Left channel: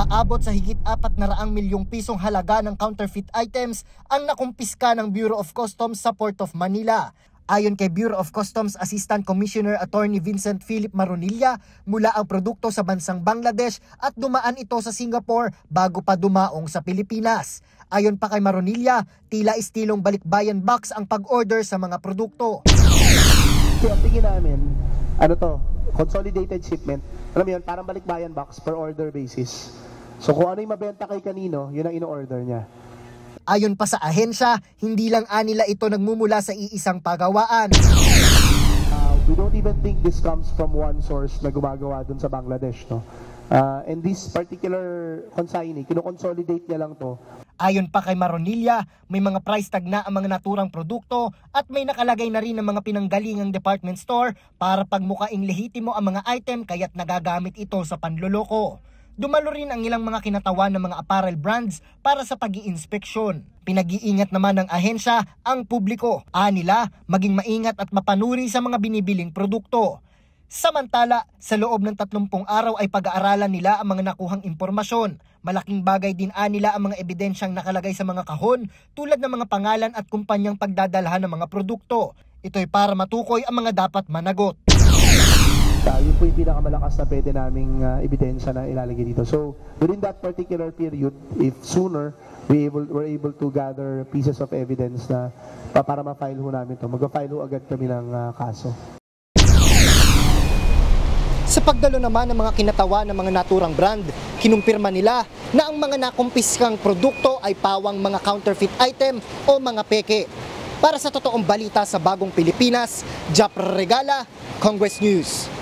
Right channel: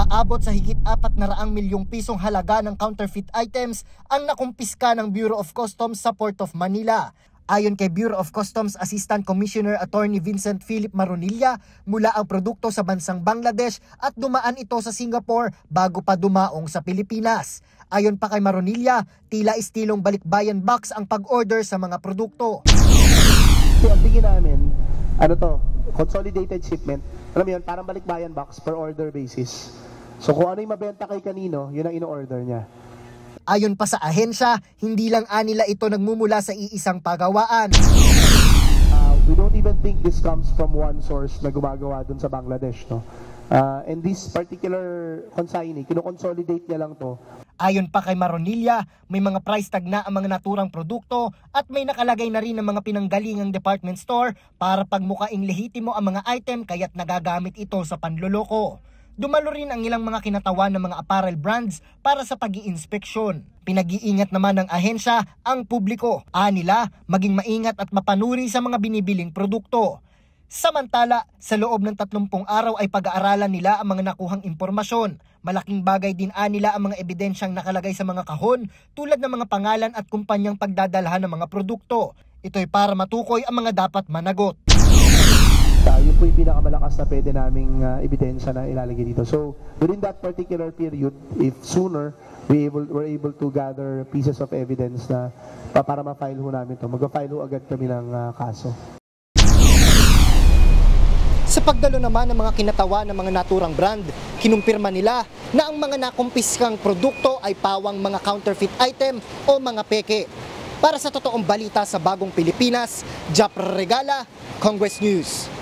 Aabot sa higit 400 milyong pisong halaga ng counterfeit items ang nakumpiska ng Bureau of Customs sa Port of Manila. Ayon kay Bureau of Customs Assistant Commissioner Attorney Vincent Philip Maronilla, mula ang produkto sa bansang Bangladesh at dumaan ito sa Singapore bago pa dumaong sa Pilipinas. Ayon pa kay Maronilla, tila istilong balikbayan box ang pag-order sa mga produkto. Ang tingin namin, consolidated shipment, alam mo yun, parang balikbayan box per order basis. So kung ano yung mabenta kay kanino, yun ang ino-order niya. Ayon pa sa ahensya, hindi lang anila ito nagmumula sa iisang pagawaan. We don't even think this comes from one source na gumagawa dun sa Bangladesh, no? And this particular consignee, kino-consolidate niya lang to. Ayon pa kay Maronilla, may mga price tag na ang mga naturang produkto at may nakalagay na rin ng mga pinanggalingang department store para pagmukaing lehitimo ang mga item kaya't nagagamit ito sa panloloko. Dumalo rin ang ilang mga kinatawan ng mga apparel brands para sa pag-iinspeksyon. Pinag-iingat naman ng ahensya ang publiko. Anila, maging maingat at mapanuri sa mga binibiling produkto. Samantala, sa loob ng 30 araw ay pag-aaralan nila ang mga nakuhang impormasyon. Malaking bagay din nila ang mga ebidensyang nakalagay sa mga kahon tulad ng mga pangalan at kumpanyang pagdadalhan ng mga produkto. Ito'y para matukoy ang mga dapat managot. Yun po yung pinakamalakas na pwede naming ebidensya na ilalagay dito. So, within that particular period, if sooner, we're able to gather pieces of evidence na para ma-file ho namin ito. Mag-file ho agad kami ng kaso. Sa pagdalo naman ng mga kinatawa ng mga naturang brand, kinumpirma nila na ang mga nakumpiskang produkto ay pawang mga counterfeit item o mga peke. Para sa totoong balita sa Bagong Pilipinas, Jap Regala, Congress News.